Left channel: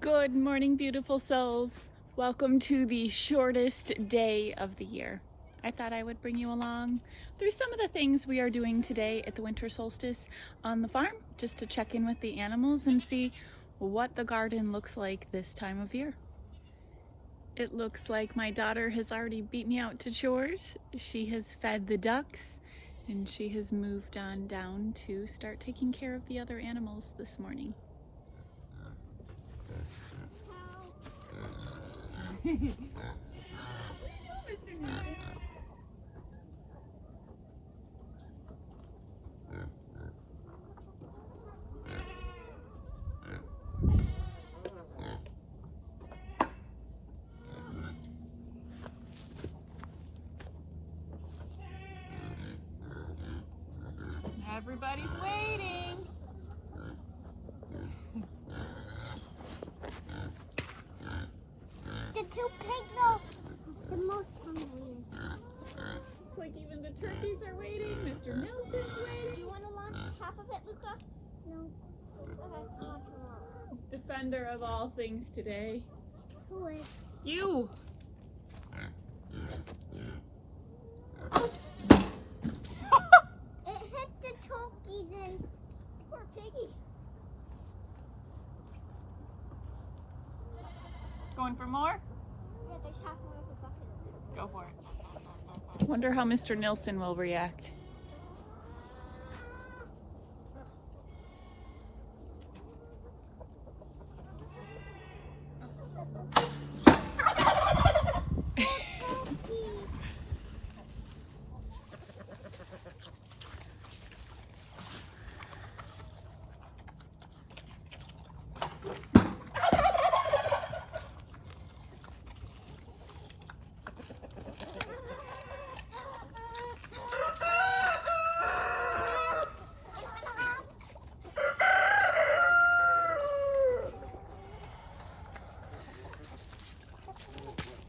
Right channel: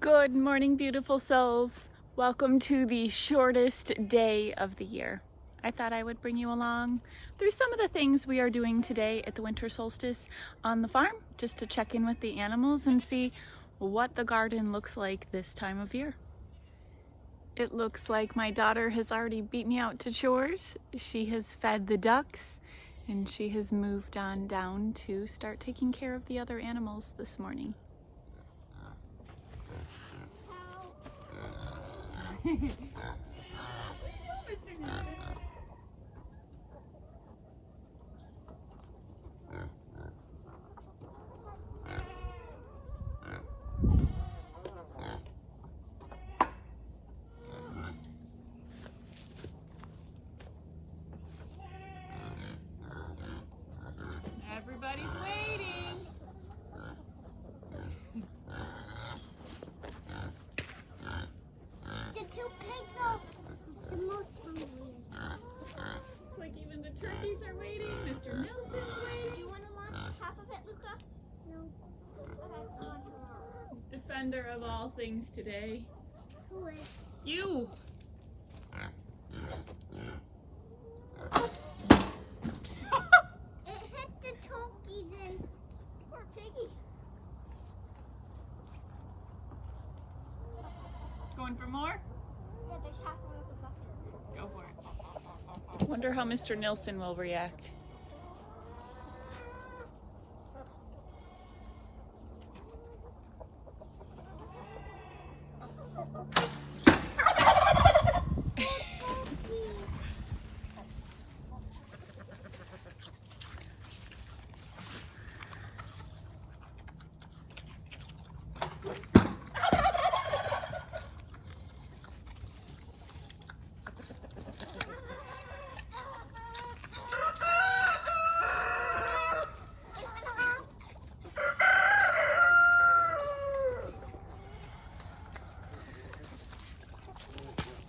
Good morning, beautiful souls. Welcome to the shortest day of the year. I thought I would bring you along through some of the things we are doing today at the winter solstice on the farm, just to check in with the animals and see what the garden looks like this time of year. It looks like my daughter has already beat me out to chores. She has fed the ducks and she has moved on down to start taking care of the other animals this morning. Everybody's waiting. The two pigs are the most hungry. Like even the turkeys are waiting. Mr. Nelson's waiting. Do you want to launch half of it, Luca? No. Okay, I'll launch it all. Defender of all things today. Who is? You! It hit the turkey then. Poor piggy. Going for more? Yeah, there's half more of a bucket of it. Go for it. Wonder how Mr. Nelson will react.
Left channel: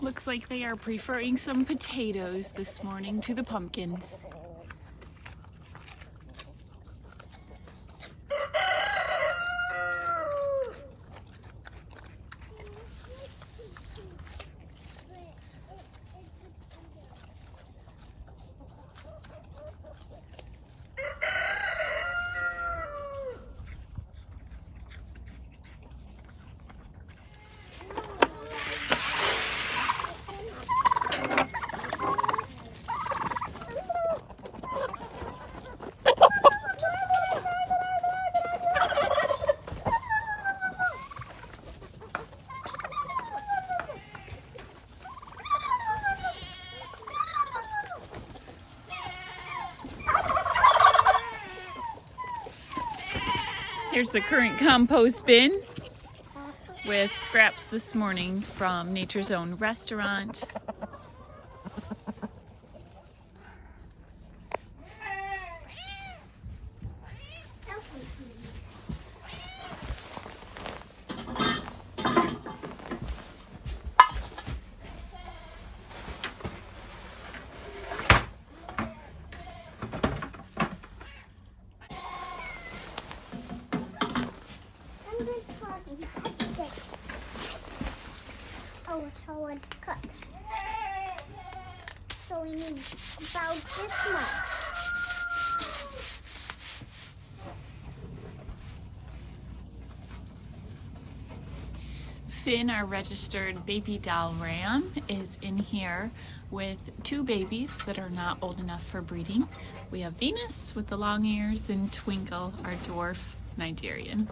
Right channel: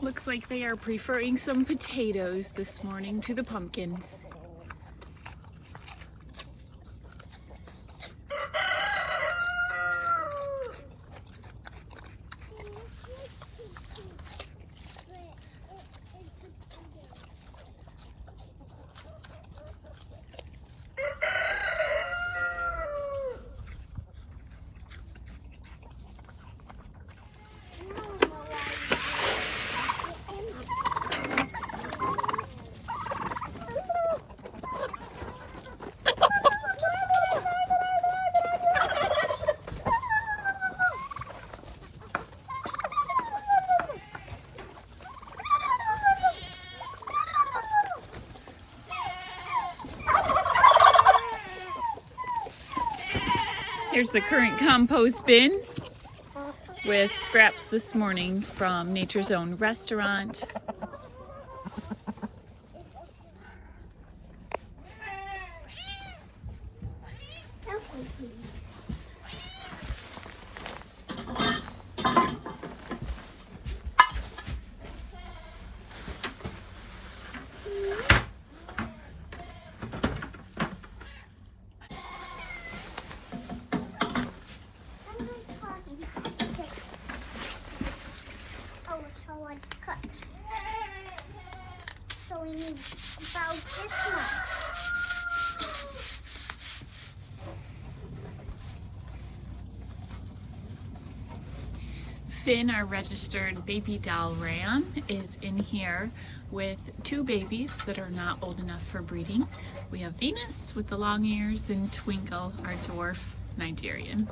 Looks like they are preferring some potatoes this morning to the pumpkins. Here's the current compost bin with scraps this morning from Nature's Own restaurant. So we need about this much. Finn, our registered baby doll ram, is in here with two babies that are not old enough for breeding. We have Venus with the long ears and Twinkle, our dwarf Nigerian.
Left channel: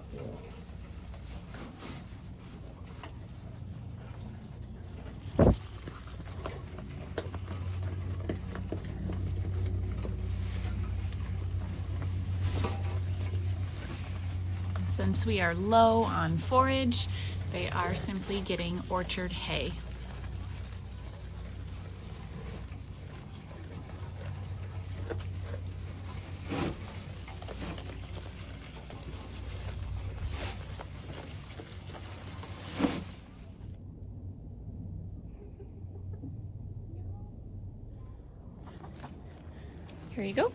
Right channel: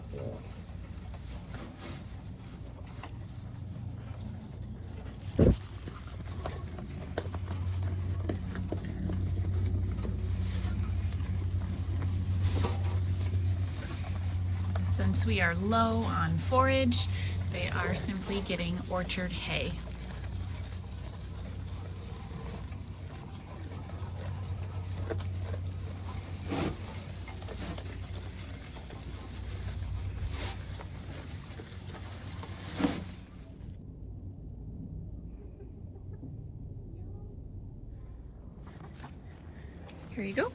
Since we are low on forage, they are simply getting orchard hay. Here you go.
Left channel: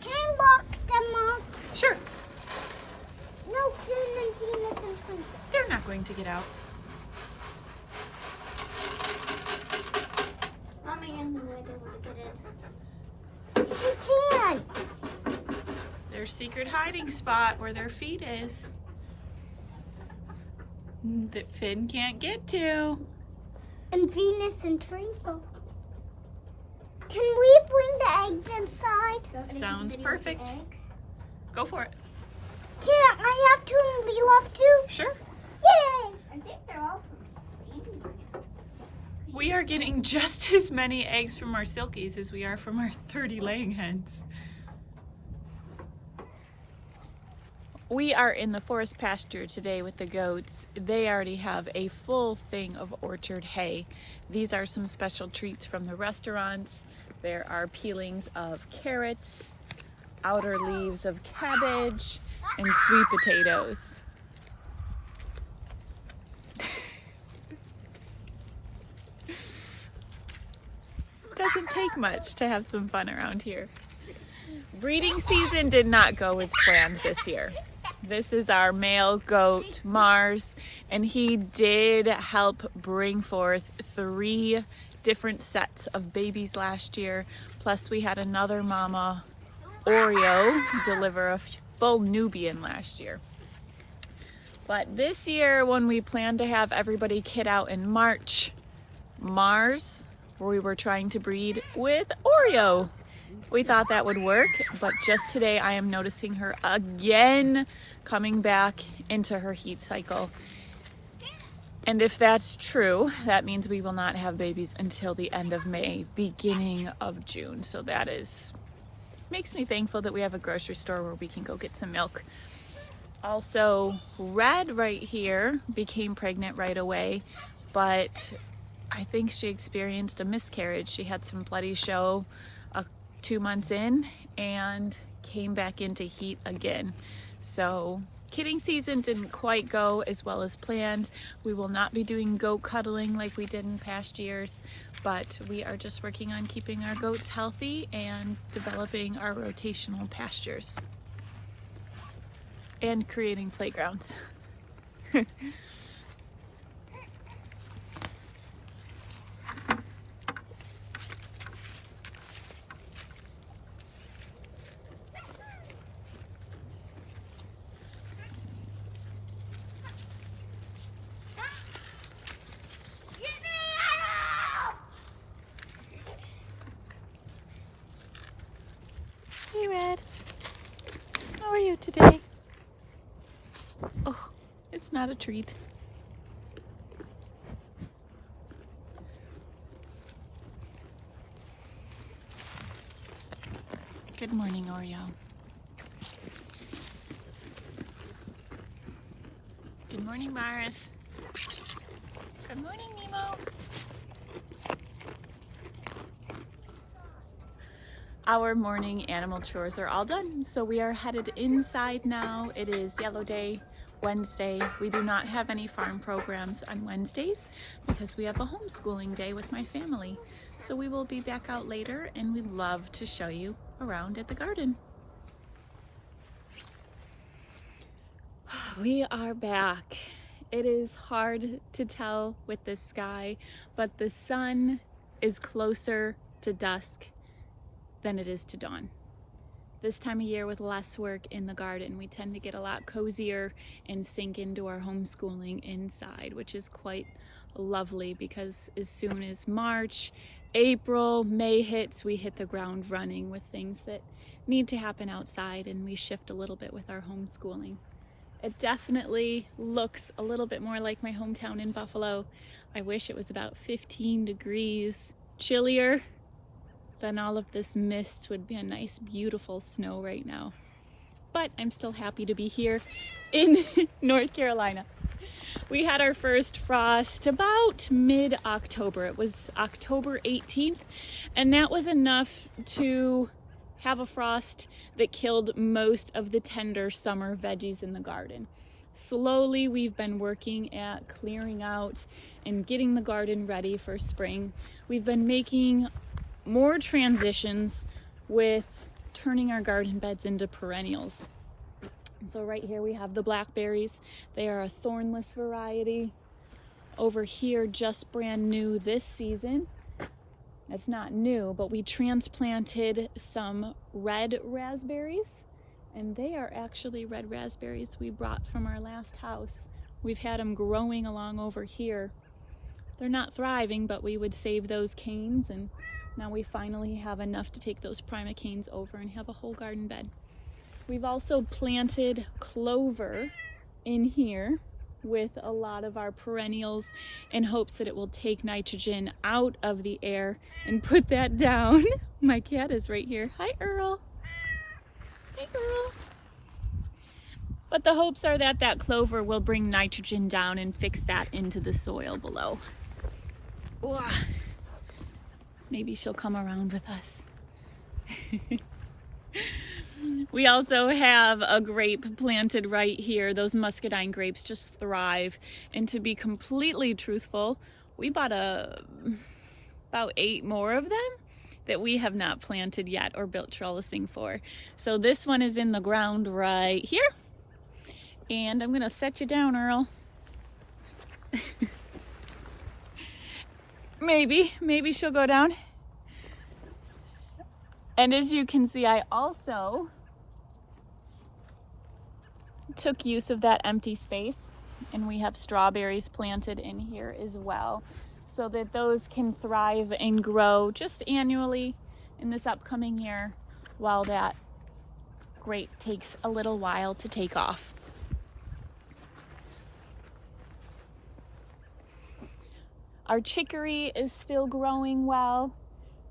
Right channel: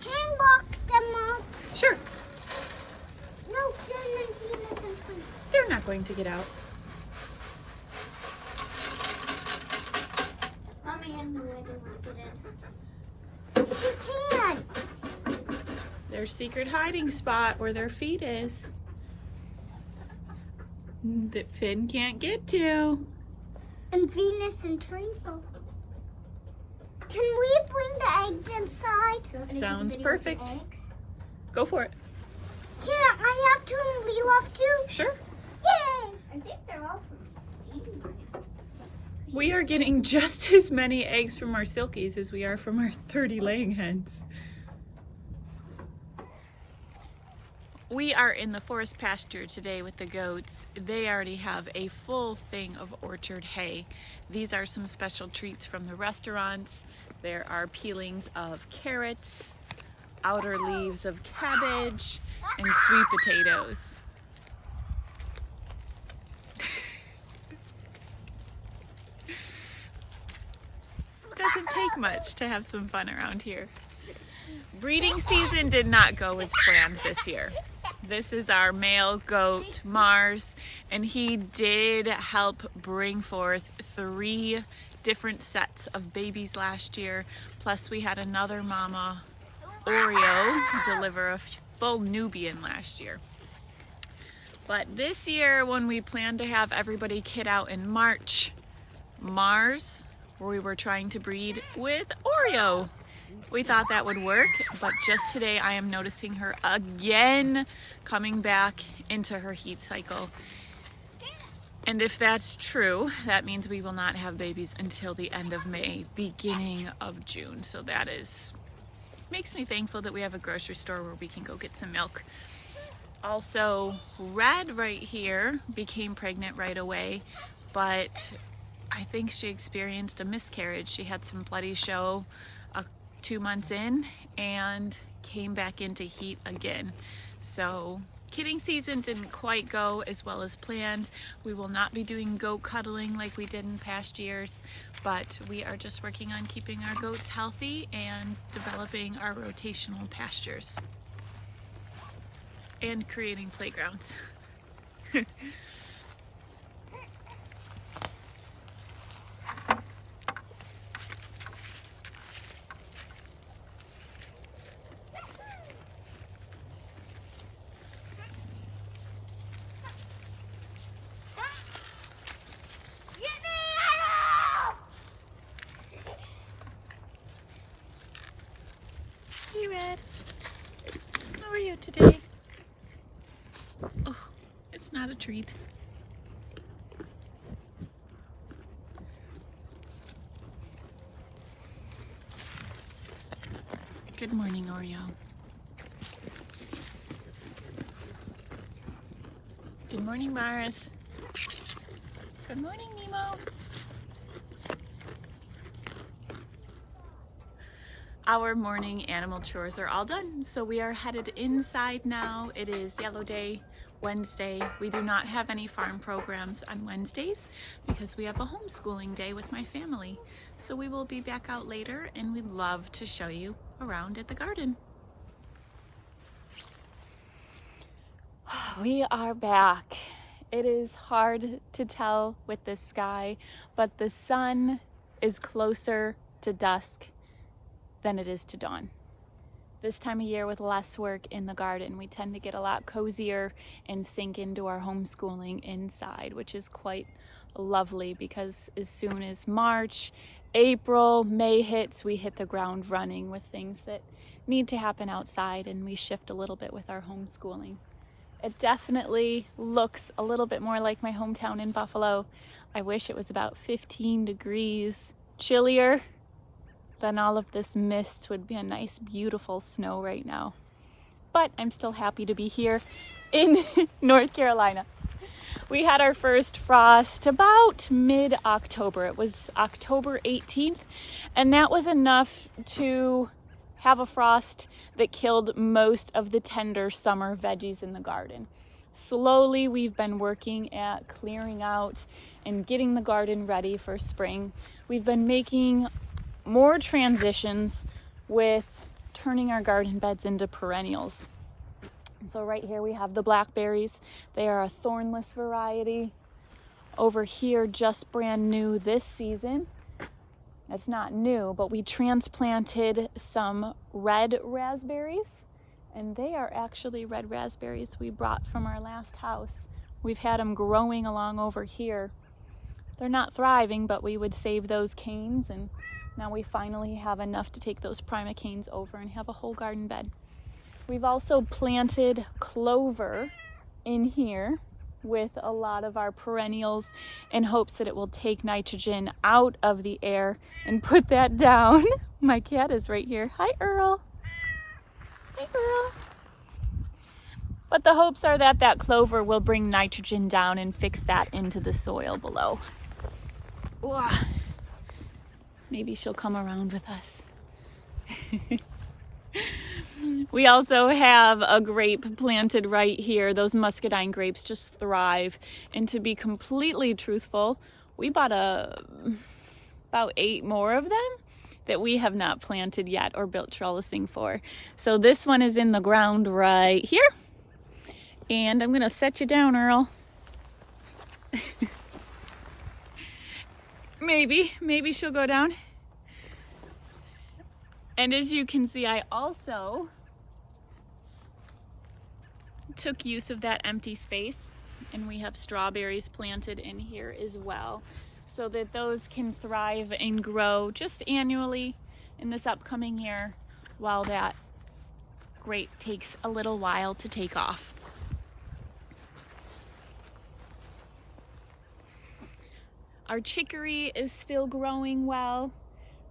Can I lock them up? Sure. No, not going to get out. Mommy and where they want to get in. You can. Their secret hiding spot where their feet is. That Finn can't get to. And Venus and Twinkle. Can we bring the eggs inside? Sounds perfect. Go for it. Can I have two and we love two? Sure. Yay! I think they're all from Stevie. We are getting just as many eggs from our silkies as we are from our 30 laying hens. We are in the forest pasture today with the goats. They already have a full thing of orchard hay. These are some special treats from the restaurants. There are peelings of carrots, outer leaves of cabbage, and sweet potatoes. Doesn't take much to have some fun around here. Breeding season did not go as planned this year. This is our male goat, Mars, and he did help bring forth 3 different sets of babies last year. Plus we had another mama, Oreo, deliver a full Nubian last year. But this year, when we planned to have everybody kid out in March, Mars, we were trying to breed with Oreo. We thought that would work, but just today I am noticing her again coming back into her heat cycle. And if that's true, that means we will not have babies until the end of May, beginning of June. So that makes me thankful that we have a grocery store where we can go get some milk. Also, Red right here became pregnant right away, but I think she experienced a miscarriage. She had some bloody show 2 months in and came back into heat again. So kidding season didn't quite go as well as planned. We will not be doing goat cuddling like we did in past years, but we are just working on keeping our goats healthy and developing our rotational pastures and creating playgrounds. Hey Red, how are you today? Oh, it's not a treat. Good morning, Oreo. Good morning, Mars. Good morning, Nemo. Our morning animal chores are all done, so we are headed inside now. It is Yellow Day, Wednesday. We do not have any farm programs on Wednesdays because we have a homeschooling day with my family. So we will be back out later, and we'd love to show you around at the garden. We are back. It is hard to tell with the sky, but the sun is closer to dusk than it is to dawn. This time of year with less work in the garden, we tend to get a lot cozier and sink into our homeschooling inside, which is quite lovely because as soon as March, April, May hits, we hit the ground running with things that need to happen outside, and we shift a little bit with our homeschooling. It definitely looks a little bit more like my hometown in Buffalo. I wish it was about 15 degrees chillier. Then all of this mist would be a nice, beautiful snow right now. But I'm still happy to be here in North Carolina. We had our first frost about mid-October. It was October 18th, and that was enough to have a frost that killed most of the tender summer veggies in the garden. Slowly, we've been working at clearing out and getting the garden ready for spring. We've been making more transitions with turning our garden beds into perennials. So right here we have the blackberries. They are a thornless variety. Over here, just brand new this season. It's not new, but we transplanted some red raspberries, and they are actually red raspberries we brought from our last house. We've had them growing along over here. They're not thriving, but we would save those canes, and now we finally have enough to take those prima canes over and have a whole garden bed. We've also planted clover in here with a lot of our perennials in hopes that it will take nitrogen out of the air and put that down. My cat is right here. Hi, Earl. Hi, Earl. But the hopes are that that clover will bring nitrogen down and fix that into the soil below. Maybe she'll come around with us. We also have a grape planted right here. Those muscadine grapes just thrive. And to be completely truthful, we bought about 8 more of them that we have not planted yet or built trellising for. So this one is in the ground right here. And I'm gonna set you down, Earl. Maybe she'll go down. And as you can see, I also took use of that empty space, and we have strawberries planted in here as well, so that those can thrive and grow just annually in this upcoming year, while that grape takes a little while to take off. Our chicory is still growing well.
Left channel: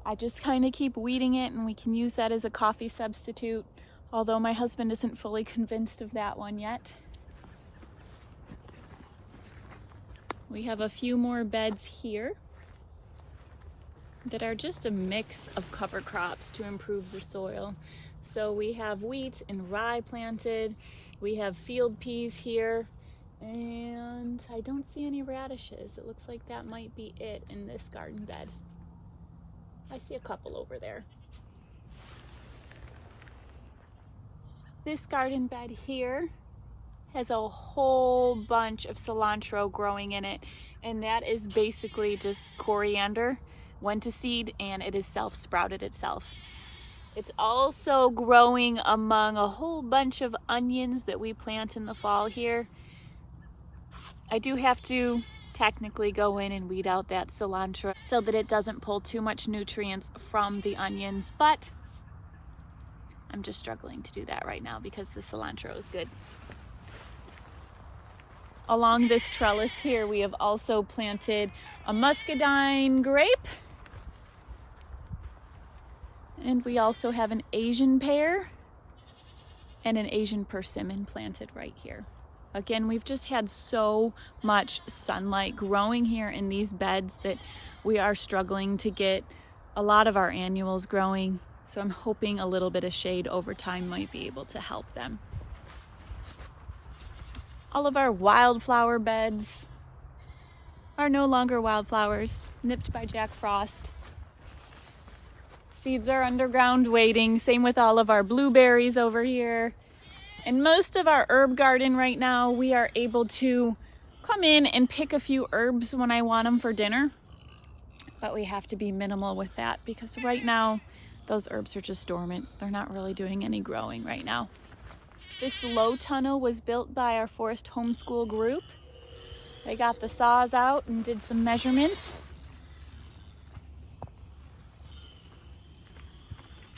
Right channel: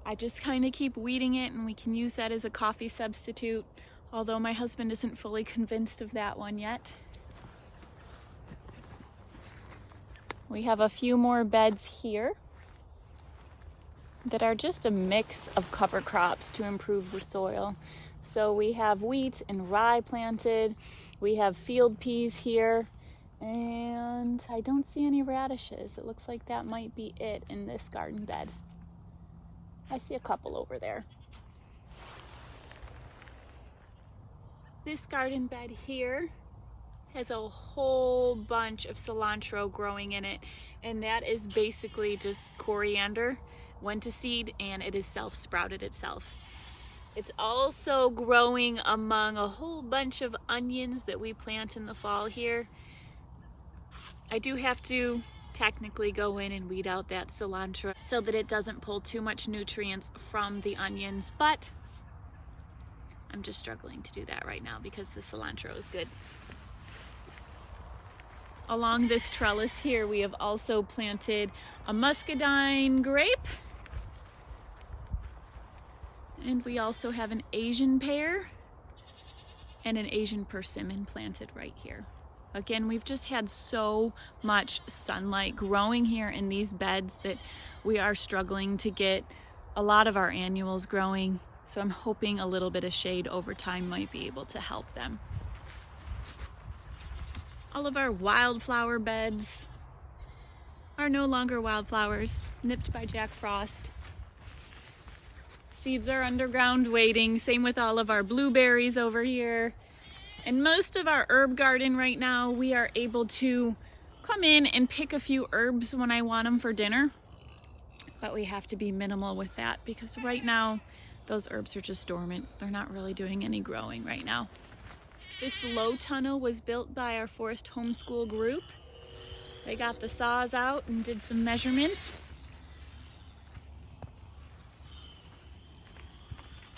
I just kind of keep weeding it, and we can use that as a coffee substitute, although my husband isn't fully convinced of that one yet. We have a few more beds here that are just a mix of cover crops to improve the soil. So we have wheat and rye planted, we have field peas here, and I don't see any radishes. It looks like that might be it in this garden bed. I see a couple over there. This garden bed here has a whole bunch of cilantro growing in it, and that is basically just coriander, went to seed, and it is self-sprouted itself. It's also growing among a whole bunch of onions that we plant in the fall here. I do have to technically go in and weed out that cilantro so that it doesn't pull too much nutrients from the onions, but I'm just struggling to do that right now because the cilantro is good. Along this trellis here, we have also planted a muscadine grape, and we also have an Asian pear and an Asian persimmon planted right here. Again, we've just had so much sunlight growing here in these beds that we are struggling to get a lot of our annuals growing. So I'm hoping a little bit of shade over time might be able to help them. All of our wildflower beds are no longer wildflowers, nipped by Jack Frost. Seeds are underground waiting. Same with all of our blueberries over here. And most of our herb garden right now, we are able to come in and pick a few herbs when I want them for dinner. But we have to be minimal with that because right now, those herbs are just dormant. They're not really doing any growing right now. This low tunnel was built by our forest homeschool group. They got the saws out and did some measurements.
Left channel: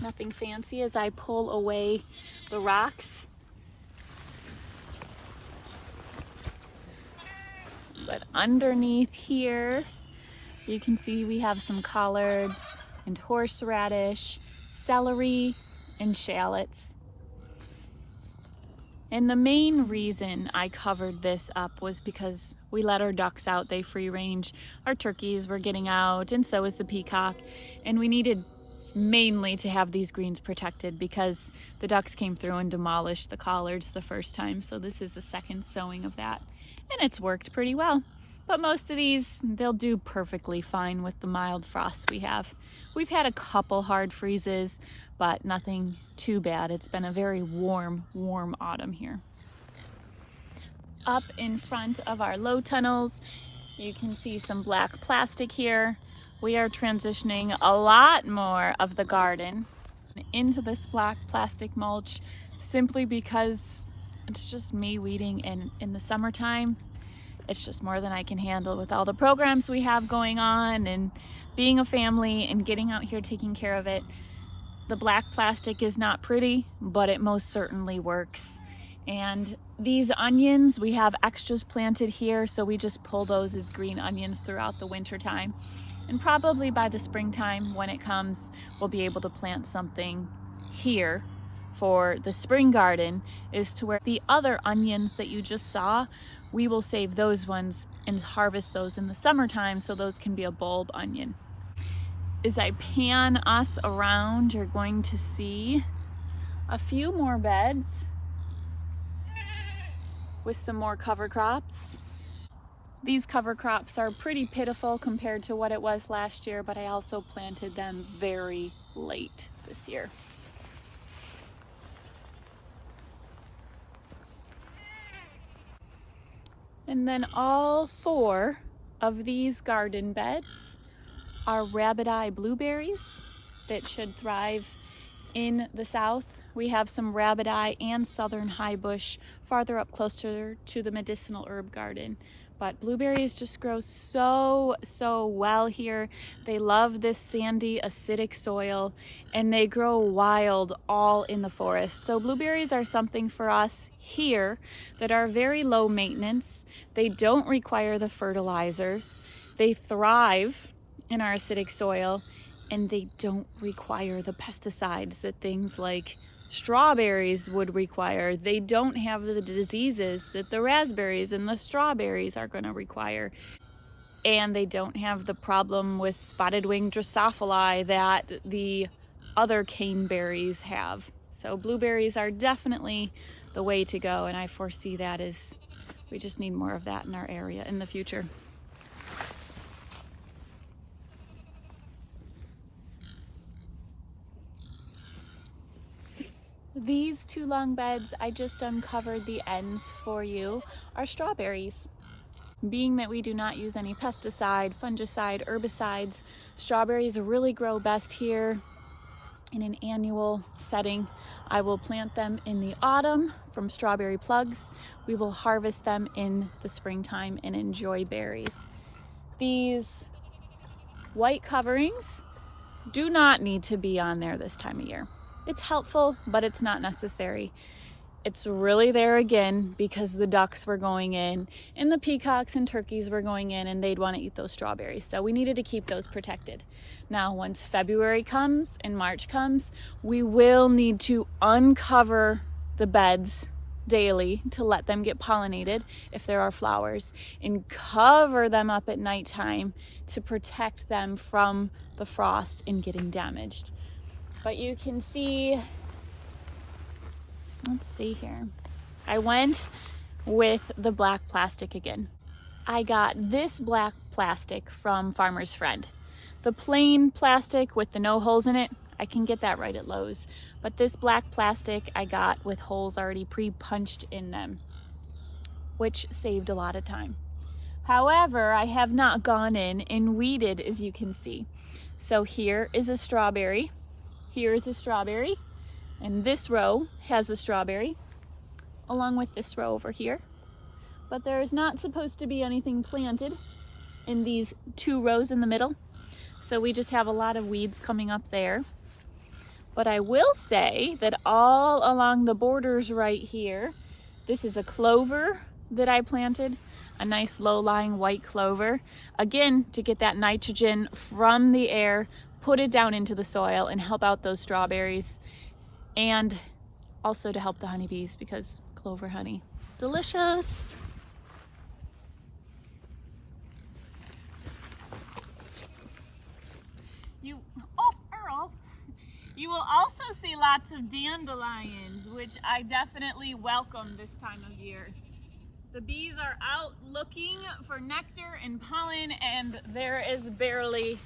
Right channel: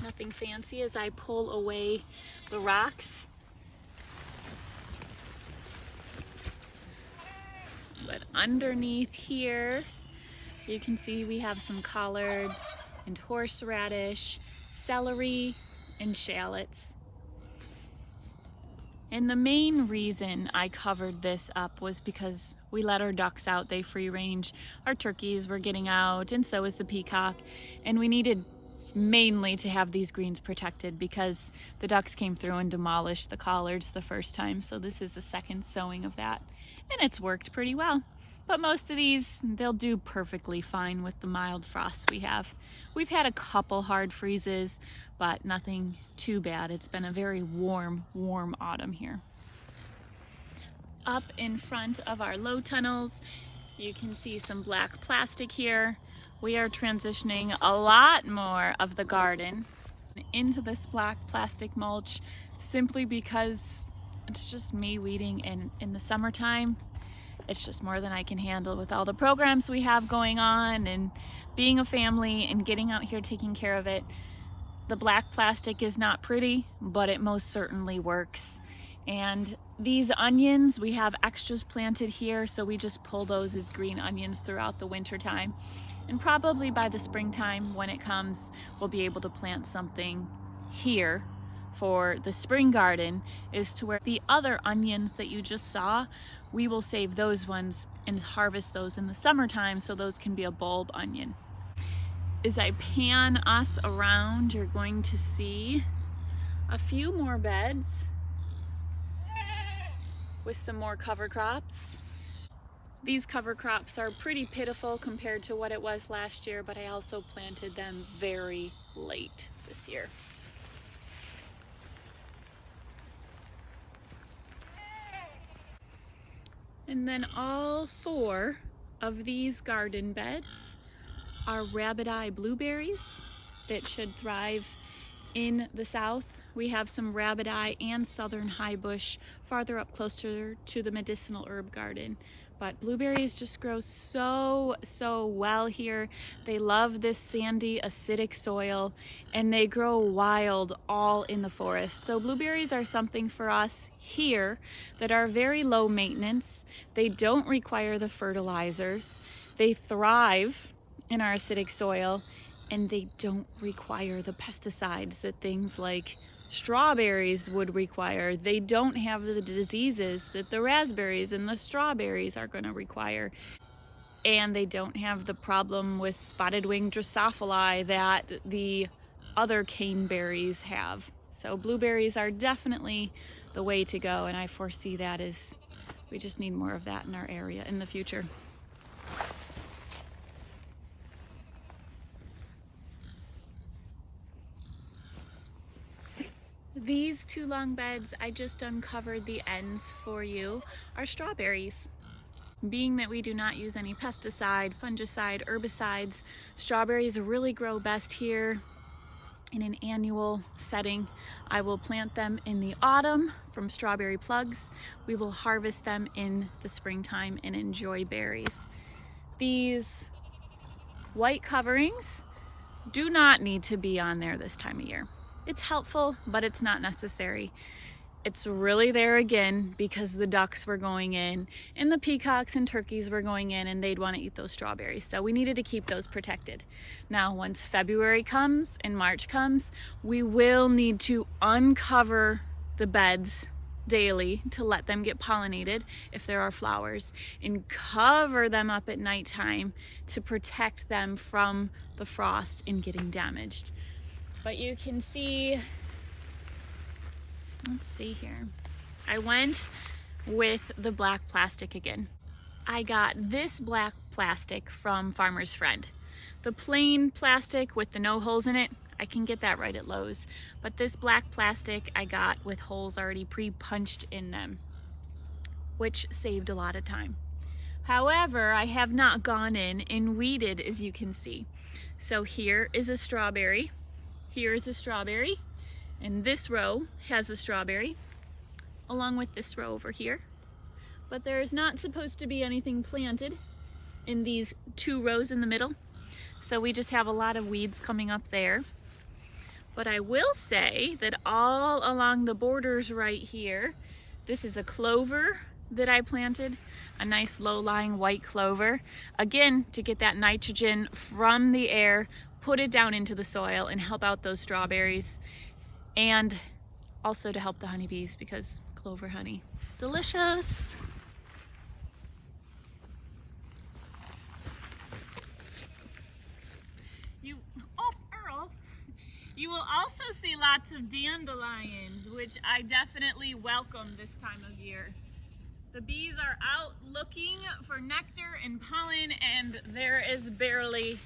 Nothing fancy as I pull away the rocks. But underneath here, you can see we have some collards and horseradish, celery, and shallots. And the main reason I covered this up was because we let our ducks out, they free range. Our turkeys were getting out, and so was the peacock. And we needed mainly to have these greens protected because the ducks came through and demolished the collards the first time. So this is the second sowing of that. And it's worked pretty well. But most of these, they'll do perfectly fine with the mild frosts we have. We've had a couple hard freezes, but nothing too bad. It's been a very warm autumn here. Up in front of our low tunnels, you can see some black plastic here. We are transitioning a lot more of the garden into this black plastic mulch simply because it's just me weeding in the summertime. It's just more than I can handle with all the programs we have going on and being a family and getting out here taking care of it. The black plastic is not pretty, but it most certainly works. And these onions, we have extras planted here, so we just pull those as green onions throughout the winter time. And probably by the springtime, when it comes, we'll be able to plant something here for the spring garden, is to where the other onions that you just saw, we will save those ones and harvest those in the summertime so those can be a bulb onion. As I pan us around, you're going to see a few more beds with some more cover crops. These cover crops are pretty pitiful compared to what it was last year, but I also planted them very late this year. And then all 4 of these garden beds are rabbit eye blueberries that should thrive in the south. We have some rabbit eye and southern high bush farther up closer to the medicinal herb garden. But blueberries just grow so well here. They love this sandy, acidic soil, and they grow wild all in the forest. So blueberries are something for us here that are very low maintenance. They don't require the fertilizers. They thrive in our acidic soil, and they don't require the pesticides that things like strawberries would require. They don't have the diseases that the raspberries and the strawberries are going to require. And they don't have the problem with spotted wing Drosophila that the other caneberries have. So blueberries are definitely the way to go, and I foresee that as we just need more of that in our area in the future. These 2 long beds I just uncovered the ends for you are strawberries. Being that we do not use any pesticide, fungicide, herbicides, strawberries really grow best here in an annual setting. I will plant them in the autumn from strawberry plugs. We will harvest them in the springtime and enjoy berries. These white coverings do not need to be on there this time of year. It's helpful, but it's not necessary. It's really there again because the ducks were going in and the peacocks and turkeys were going in and they'd want to eat those strawberries. So we needed to keep those protected. Now, once February comes and March comes, we will need to uncover the beds daily to let them get pollinated if there are flowers, and cover them up at nighttime to protect them from the frost and getting damaged. But you can see, let's see here. I went with the black plastic again. I got this black plastic from Farmer's Friend. The plain plastic with the no holes in it, I can get that right at Lowe's. But this black plastic I got with holes already pre-punched in them, which saved a lot of time. However, I have not gone in and weeded, as you can see. So here is a strawberry. Here is a strawberry, and this row has a strawberry, along with this row over here. But there is not supposed to be anything planted in these 2 rows in the middle, so we just have a lot of weeds coming up there. But I will say that all along the borders right here, this is a clover that I planted, a nice low-lying white clover, again to get that nitrogen from the air, put it down into the soil and help out those strawberries, and also to help the honeybees because clover honey, delicious. Earl, you will also see lots of dandelions, which I definitely welcome this time of year. The bees are out looking for nectar and pollen, and there is barely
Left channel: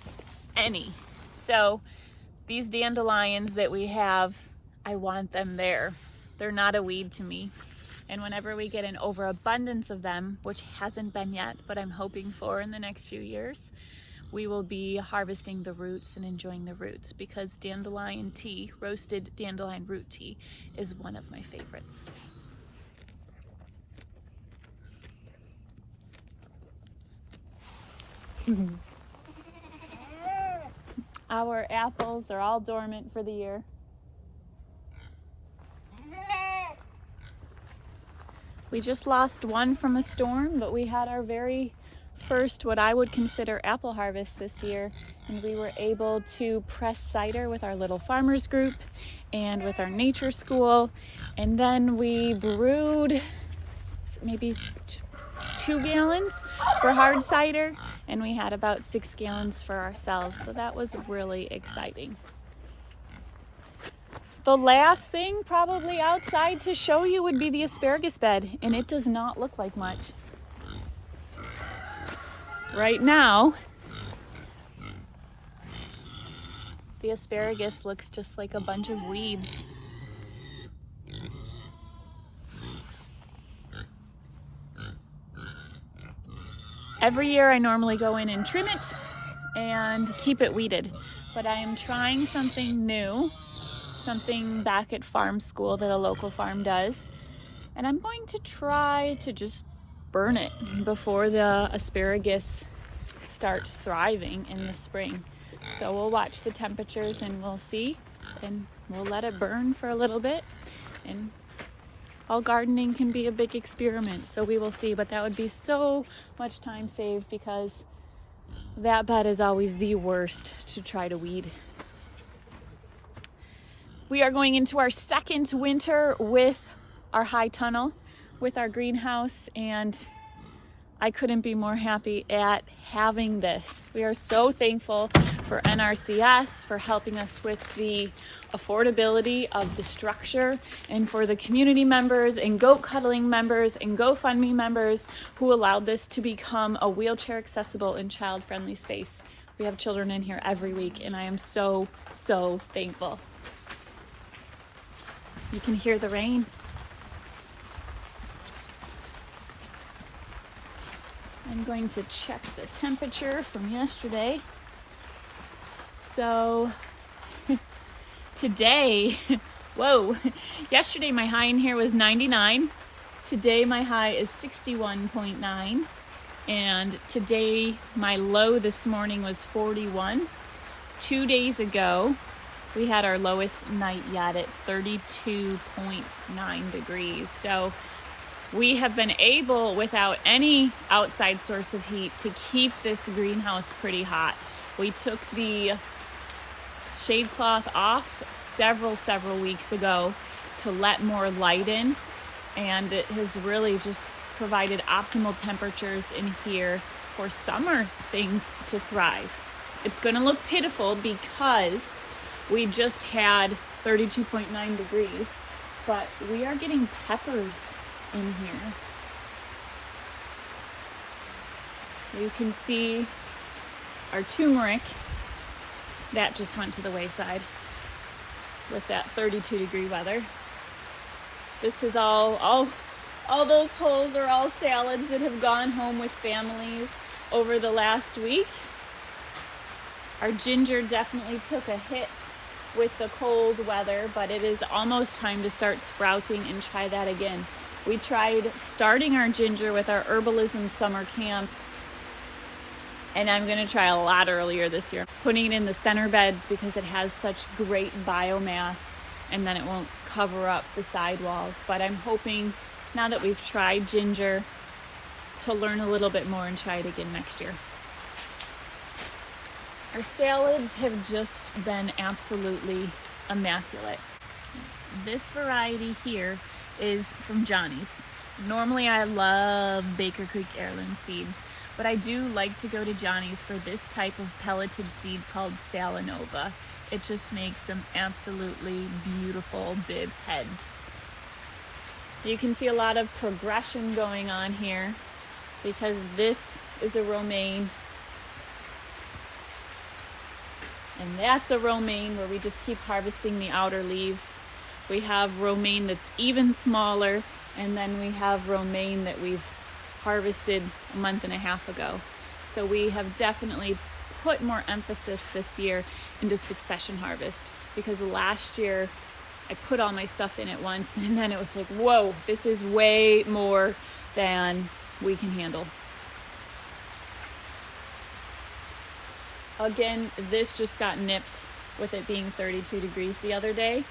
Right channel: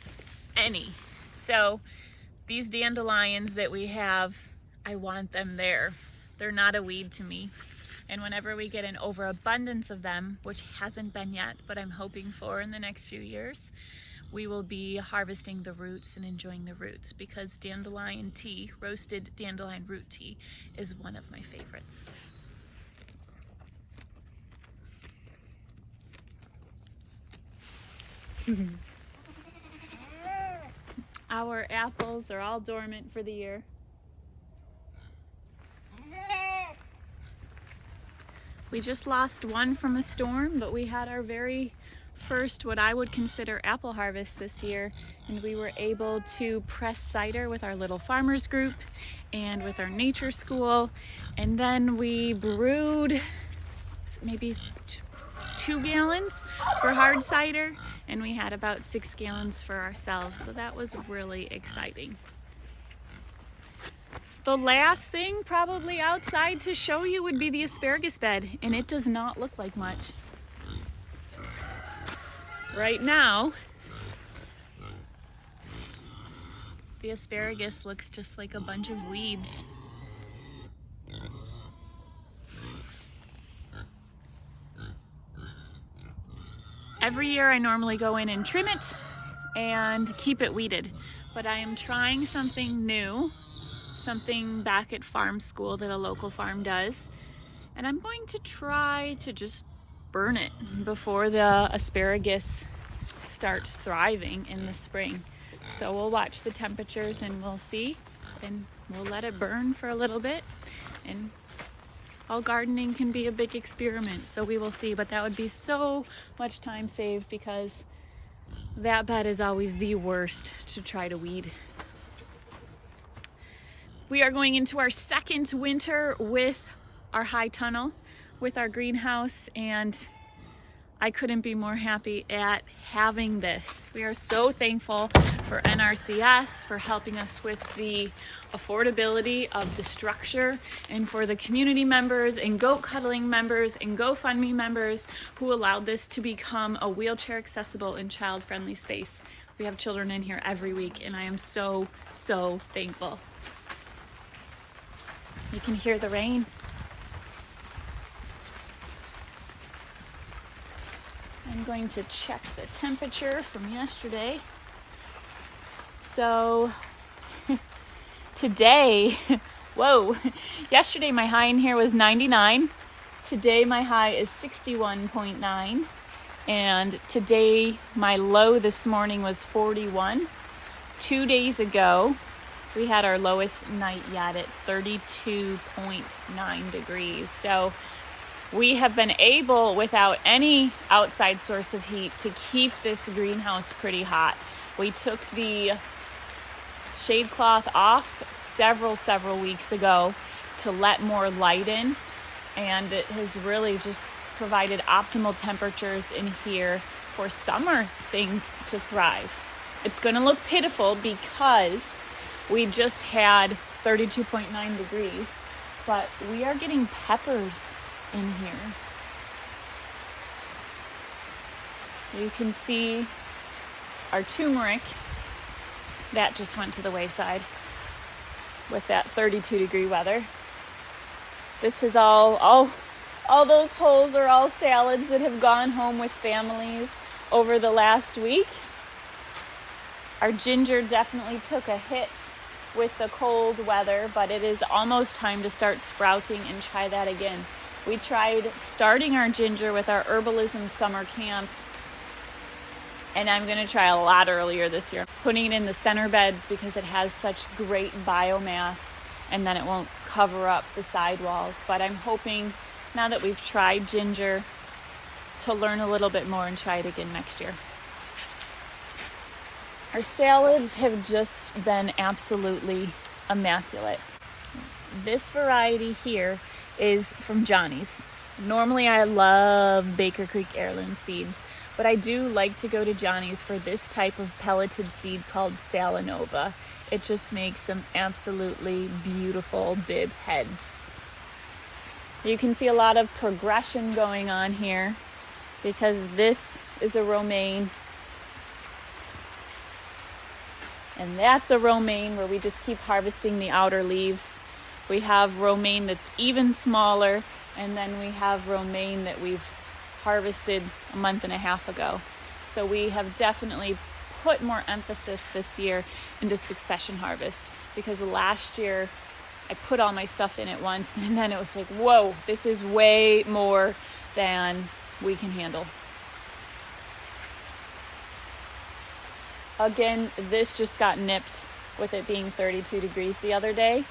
any. So these dandelions that we have, I want them there. They're not a weed to me. And whenever we get an overabundance of them, which hasn't been yet, but I'm hoping for in the next few years, we will be harvesting the roots and enjoying the roots, because dandelion tea, roasted dandelion root tea, is one of my favorites. Our apples are all dormant for the year. We just lost one from a storm, but we had our very first, what I would consider, apple harvest this year, and we were able to press cider with our little farmers group and with our nature school, and then we brewed maybe 2 gallons for hard cider, and we had about 6 gallons for ourselves, so that was really exciting. The last thing probably outside to show you would be the asparagus bed, and it does not look like much. Right now, the asparagus looks just like a bunch of weeds. Every year I normally go in and trim it and keep it weeded, but I am trying something new, something back at farm school that a local farm does, and I'm going to try to just burn it before the asparagus starts thriving in the spring. So we'll watch the temperatures and we'll see, and we'll let it burn for a little bit, and all gardening can be a big experiment, so we will see. But that would be so much time saved, because that bed is always the worst to try to weed. We are going into our second winter with our high tunnel, with our greenhouse, and I couldn't be more happy at having this. We are so thankful for NRCS for helping us with the affordability of the structure, and for the community members and goat cuddling members and GoFundMe members who allowed this to become a wheelchair accessible and child friendly space. We have children in here every week, and I am so, so thankful. You can hear the rain. I'm going to check the temperature from yesterday. So today, whoa, yesterday my high in here was 99. Today my high is 61.9. And today my low this morning was 41. 2 days ago, we had our lowest night yet at 32.9 degrees. So we have been able, without any outside source of heat, to keep this greenhouse pretty hot. We took the shade cloth off several weeks ago to let more light in, and it has really just provided optimal temperatures in here for summer things to thrive. It's going to look pitiful because we just had 32.9 degrees, but we are getting peppers in here. You can see our turmeric that just went to the wayside with that 32 degree weather. This is all those holes are all salads that have gone home with families over the last week. Our ginger definitely took a hit with the cold weather, but it is almost time to start sprouting and try that again. We tried starting our ginger with our herbalism summer camp, and I'm going to try a lot earlier this year, putting it in the center beds because it has such great biomass, and then it won't cover up the sidewalls. But I'm hoping, now that we've tried ginger, to learn a little bit more and try it again next year. Our salads have just been absolutely immaculate. This variety here is from Johnny's. Normally I love Baker Creek heirloom seeds, but I do like to go to Johnny's for this type of pelleted seed called Salanova. It just makes some absolutely beautiful bib heads. You can see a lot of progression going on here because this is a romaine and that's a romaine where we just keep harvesting the outer leaves. We have romaine that's even smaller, and then we have romaine that we've harvested a month and a half ago. So we have definitely put more emphasis this year into succession harvest, because last year I put all my stuff in at once and then it was like, whoa, this is way more than we can handle. Again, this just got nipped with it being 32 degrees the other day,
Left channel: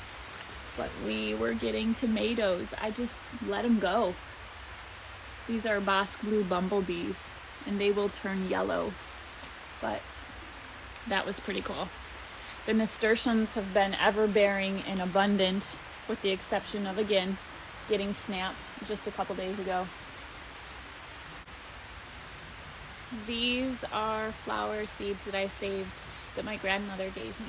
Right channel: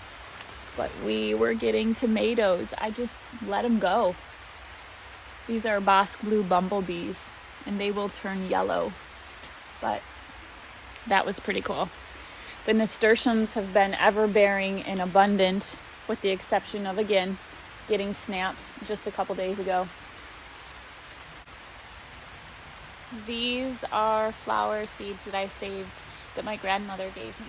but we were getting tomatoes. I just let them go. These are Bosque Blue bumblebees and they will turn yellow, but that was pretty cool. The nasturtiums have been ever-bearing and abundant, with the exception of, again, getting snapped just a couple days ago. These are flower seeds that I saved that my grandmother gave me.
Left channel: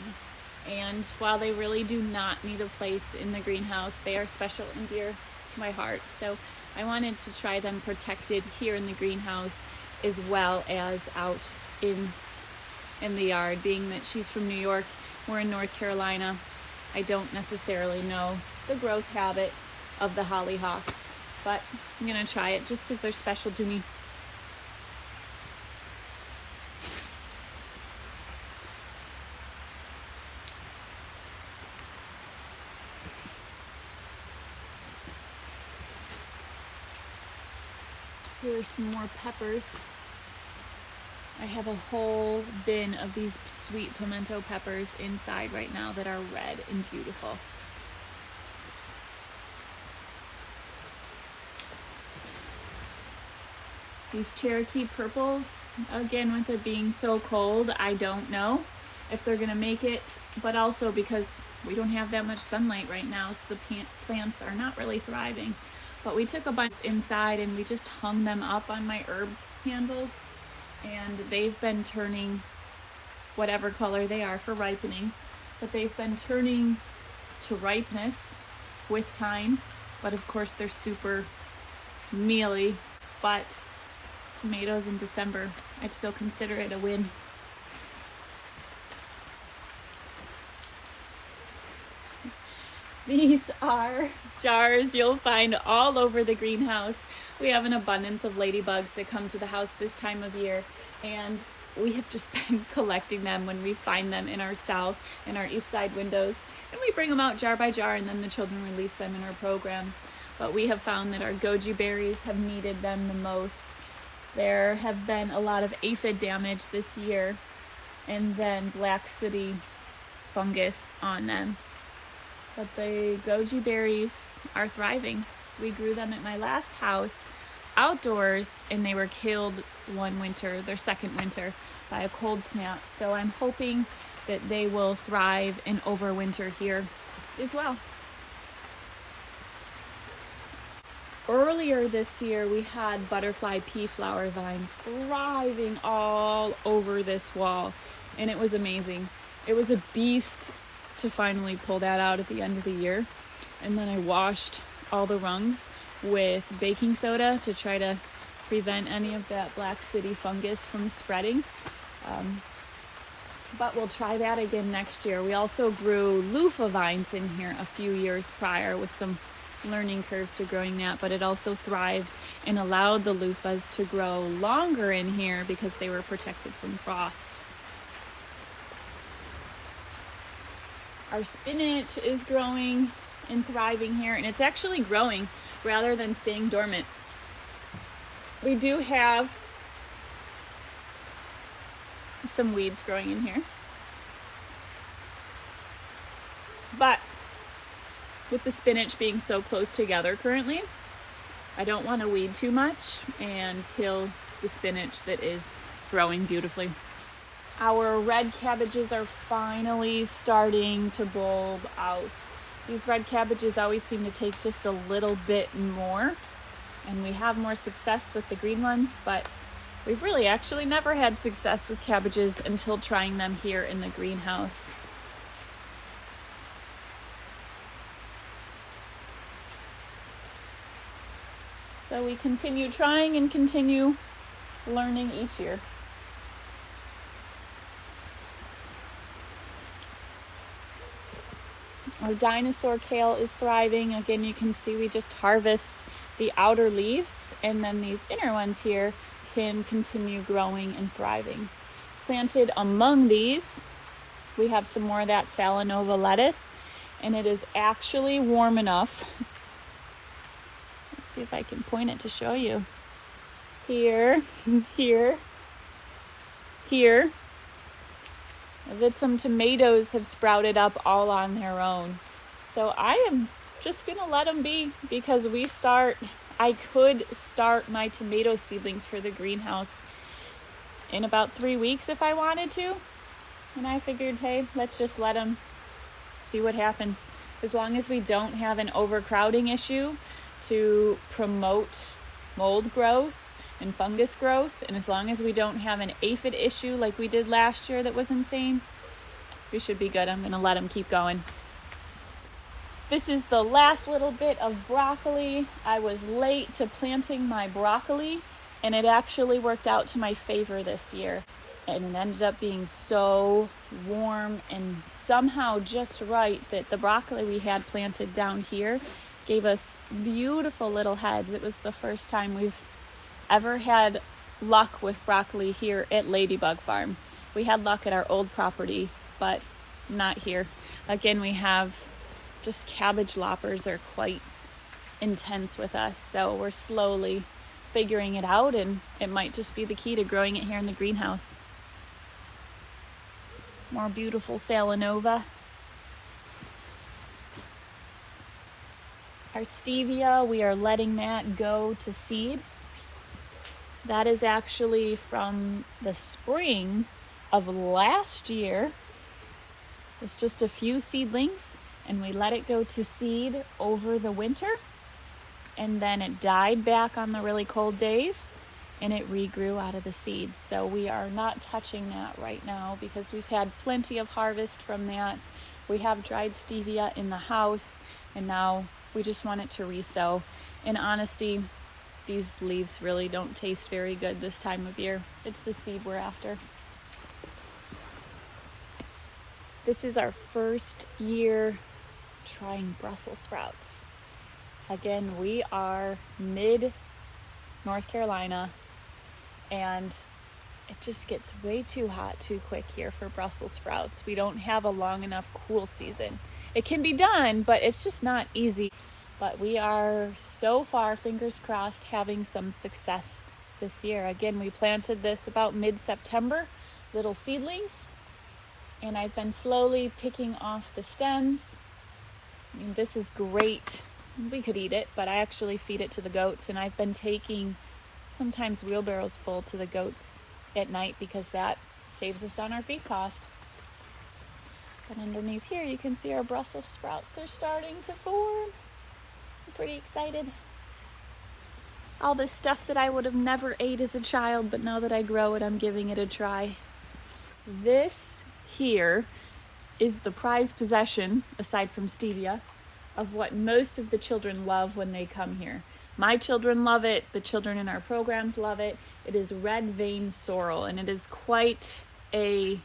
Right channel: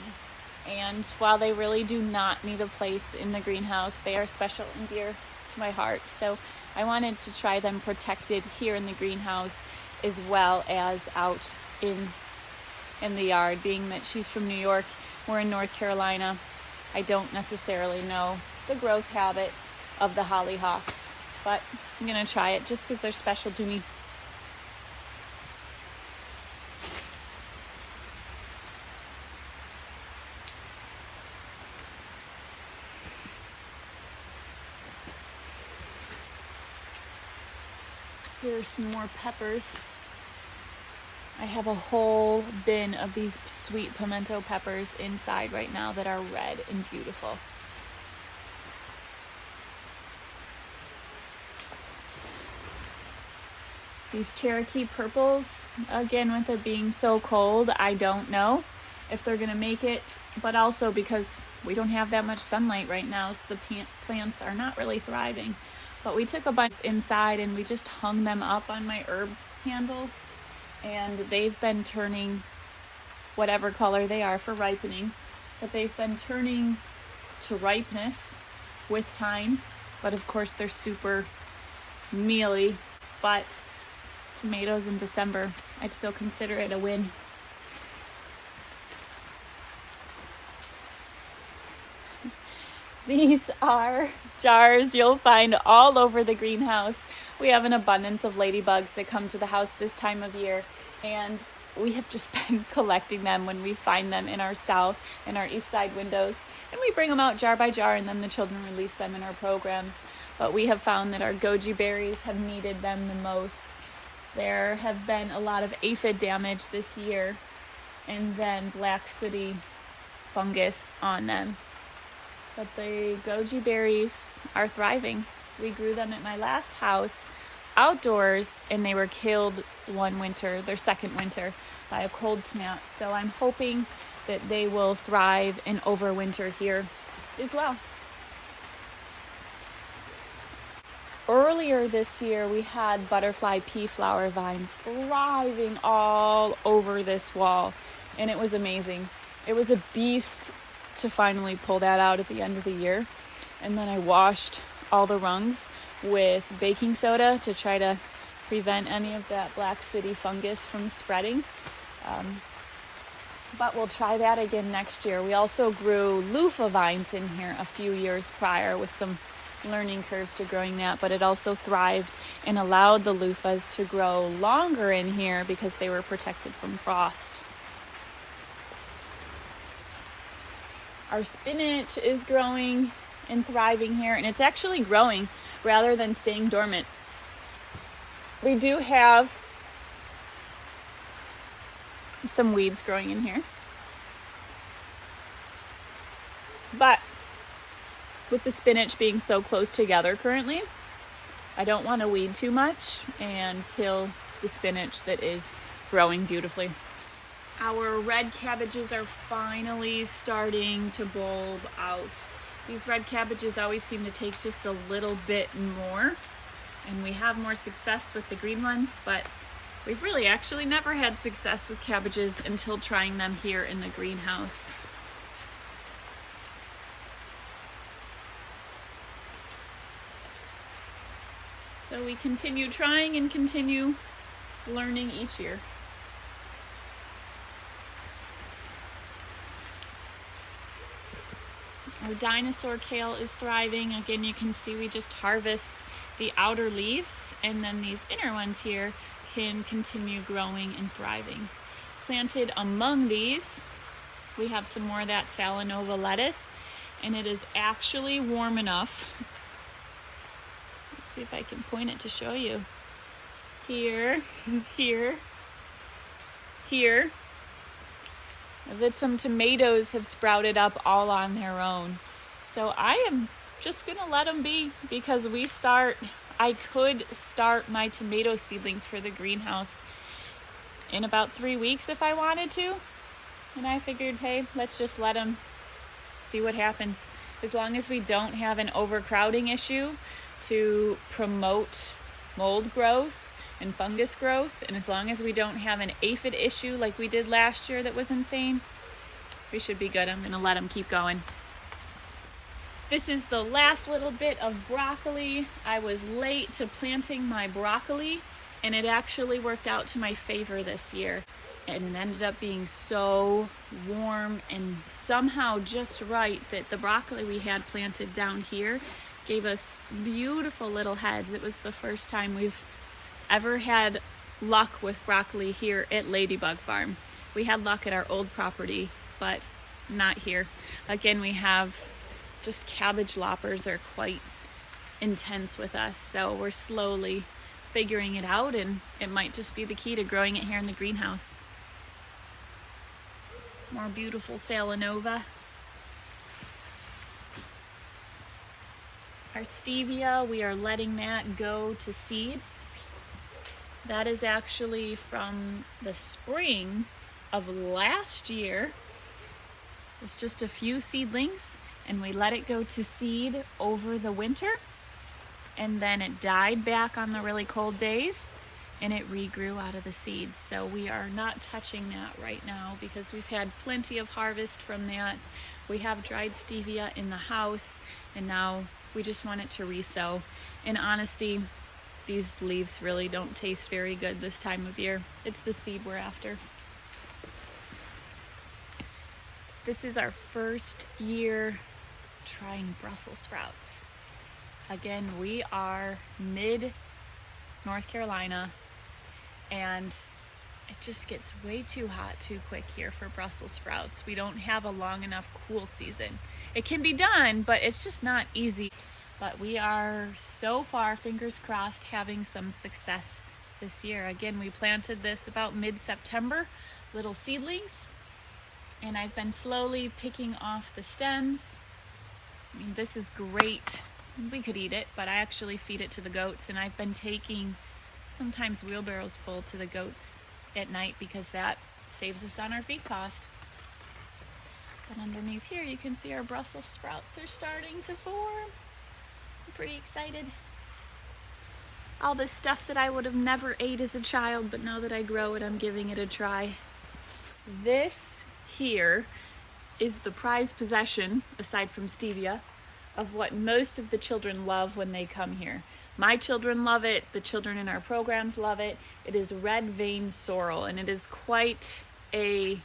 And while they really do not need a place in the greenhouse, they are special and dear to my heart. So I wanted to try them protected here in the greenhouse as well as out in the yard. Being that she's from New York, we're in North Carolina, I don't necessarily know the growth habit of the hollyhocks, but I'm gonna try it just because they're special to me. Here's some more peppers. I have a whole bin of these sweet pimento peppers inside right now that are red and beautiful. These Cherokee purples, again, with it being so cold, I don't know if they're gonna make it, but also because we don't have that much sunlight right now, so the plants are not really thriving. But we took a bunch inside and we just hung them up on my herb handles, and they've been turning whatever color they are for ripening, but they've been turning to ripeness with time. But of course they're super mealy, but tomatoes in December, I'd still consider it a win. These are jars you'll find all over the greenhouse. We have an abundance of ladybugs that come to the house this time of year, and we have just been collecting them when we find them in our south and our east side windows, and we bring them out jar by jar, and then the children release them in our programs. But we have found that our goji berries have needed them the most. There have been a lot of aphid damage this year, and then black sooty fungus on them. But the goji berries are thriving. We grew them at my last house outdoors, and they were killed one winter, their second winter, by a cold snap. So I'm hoping that they will thrive and overwinter here as well. Earlier this year, we had butterfly pea flower vine thriving all over this wall, and it was amazing. It was a beast to finally pull that out at the end of the year. And then I washed all the rungs with baking soda to try to prevent any of that black sooty fungus from spreading. But we'll try that again next year. We also grew loofah vines in here a few years prior, with some learning curves to growing that, but it also thrived and allowed the loofahs to grow longer in here because they were protected from frost. Our spinach is growing and thriving here, and it's actually growing rather than staying dormant. We do have some weeds growing in here, but with the spinach being so close together currently, I don't want to weed too much and kill the spinach that is growing beautifully. Our red cabbages are finally starting to bulb out. These red cabbages always seem to take just a little bit more, and we have more success with the green ones, but we've really actually never had success with cabbages until trying them here in the greenhouse. So we continue trying and continue learning each year. Our dinosaur kale is thriving. Again, you can see we just harvest the outer leaves, and then these inner ones here can continue growing and thriving. Planted among these, we have some more of that Salanova lettuce, and it is actually warm enough. Let's see if I can point it to show you. Here, here, here. That some tomatoes have sprouted up all on their own. So I am just gonna let them be, because I could start my tomato seedlings for the greenhouse in about 3 weeks if I wanted to. And I figured, hey, let's just let them see what happens. As long as we don't have an overcrowding issue to promote mold growth and fungus growth, and as long as we don't have an aphid issue like we did last year that was insane, we should be good. I'm gonna let them keep going. This is the last little bit of broccoli. I was late to planting my broccoli, and it actually worked out to my favor this year. And it ended up being so warm and somehow just right that the broccoli we had planted down here gave us beautiful little heads. It was the first time we've ever had luck with broccoli here at Ladybug Farm. We had luck at our old property, but not here. Again, we have just cabbage loppers are quite intense with us, so we're slowly figuring it out, and it might just be the key to growing it here in the greenhouse. More beautiful Salanova. Our stevia, we are letting that go to seed. That is actually from the spring of last year. It's just a few seedlings, and we let it go to seed over the winter, and then it died back on the really cold days, and it regrew out of the seeds. So we are not touching that right now because we've had plenty of harvest from that. We have dried stevia in the house, and now we just want it to resow. In honesty, these leaves really don't taste very good this time of year. It's the seed we're after. This is our first year trying Brussels sprouts. Again, we are mid-North Carolina, and it just gets way too hot too quick here for Brussels sprouts. We don't have a long enough cool season. It can be done, but it's just not easy. But we are so far, fingers crossed, having some success this year. Again, we planted this about mid-September, little seedlings, and I've been slowly picking off the stems. I mean, this is great. We could eat it, but I actually feed it to the goats, and I've been taking sometimes wheelbarrows full to the goats at night because that saves us on our feed cost. But underneath here, you can see our Brussels sprouts are starting to form. I'm pretty excited. All this stuff that I would have never ate as a child, but now that I grow it, I'm giving it a try. This here is the prized possession, aside from stevia, of what most of the children love when they come here. My children love it. The children in our programs love it. It is red vein sorrel, and it is quite a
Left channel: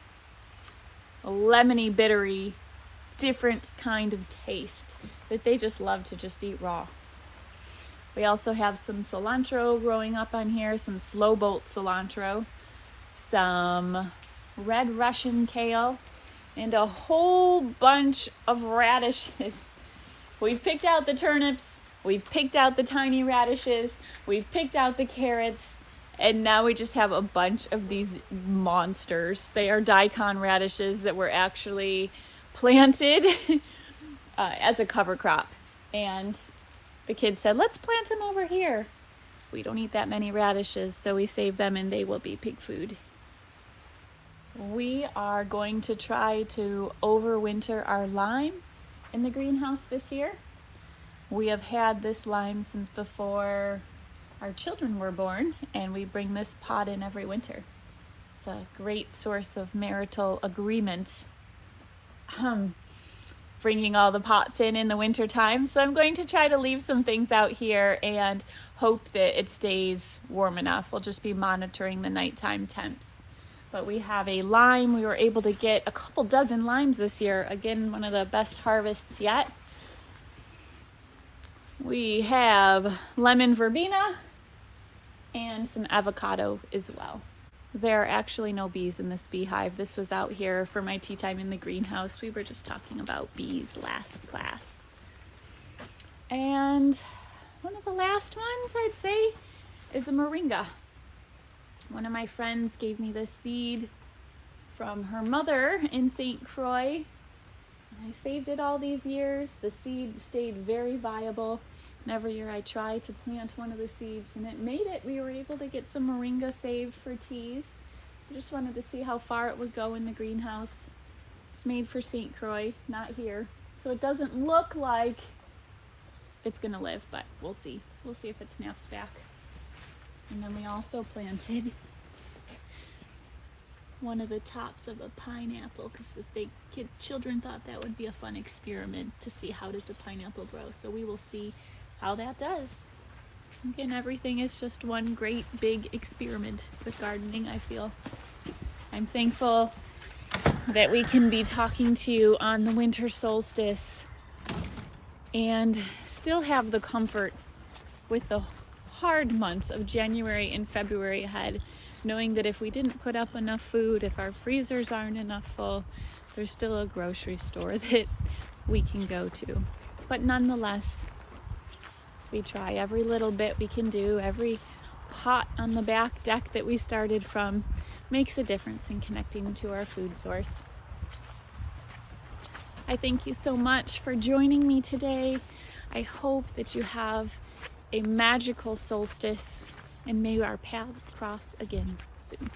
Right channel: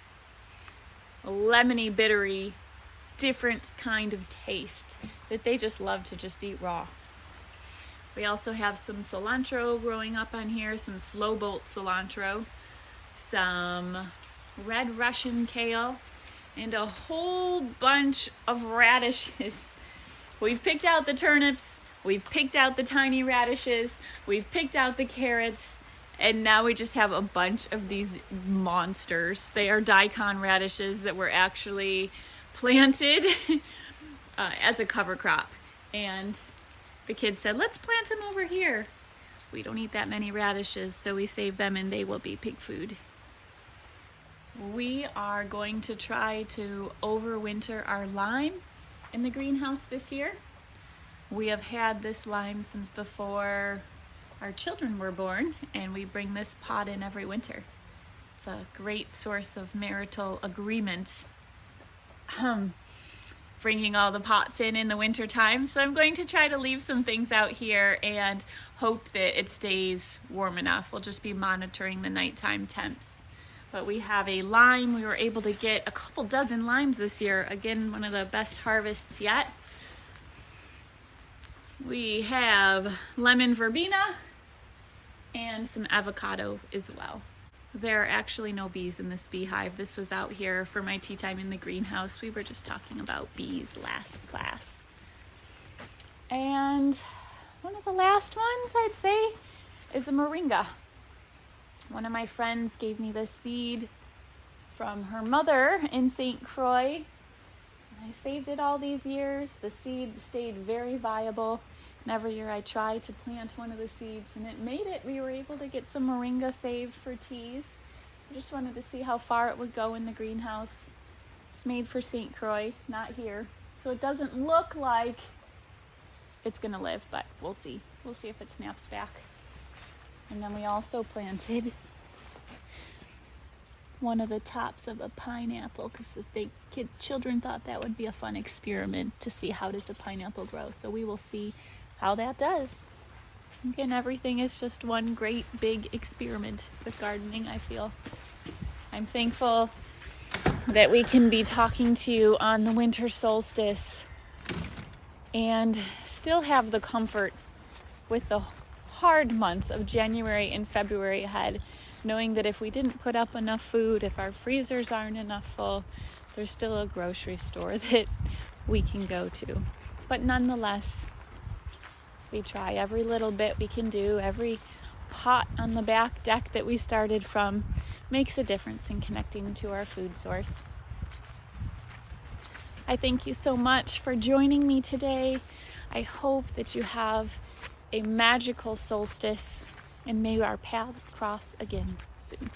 lemony, bittery, different kind of taste that they just love to just eat raw. We also have some cilantro growing up on here, some slow bolt cilantro, some red Russian kale, and a whole bunch of radishes. We've picked out the turnips, we've picked out the tiny radishes, we've picked out the carrots, and now we just have a bunch of these monsters. They are daikon radishes that were actually planted as a cover crop. And the kids said, let's plant them over here. We don't eat that many radishes, so we save them and they will be pig food. We are going to try to overwinter our lime in the greenhouse this year. We have had this lime since before our children were born, and we bring this pot in every winter. It's a great source of marital agreement. bringing all the pots in the winter time. So I'm going to try to leave some things out here and hope that it stays warm enough. We'll just be monitoring the nighttime temps. But we have a lime. We were able to get a couple dozen limes this year. Again, one of the best harvests yet. We have lemon verbena and some avocado as well. There are actually no bees in this beehive. This was out here for my tea time in the greenhouse. We were just talking about bees last class. And one of the last ones I'd say is a moringa. One of my friends gave me this seed from her mother in St. Croix. And I saved it all these years. The seed stayed very viable. And every year I try to plant one of the seeds and it made it. We were able to get some moringa saved for teas. I just wanted to see how far it would go in the greenhouse. It's made for St. Croix, not here. So it doesn't look like it's gonna live, but we'll see. We'll see if it snaps back. And then we also planted one of the tops of a pineapple because the children thought that would be a fun experiment to see how does a pineapple grow. So we will see how that does. Again, everything is just one great big experiment with gardening, I feel. I'm thankful that we can be talking to you on the winter solstice and still have the comfort with the hard months of January and February ahead, knowing that if we didn't put up enough food, if our freezers aren't enough full, there's still a grocery store that we can go to. But nonetheless, we try every little bit we can do. Every pot on the back deck that we started from makes a difference in connecting to our food source. I thank you so much for joining me today. I hope that you have a magical solstice and may our paths cross again soon.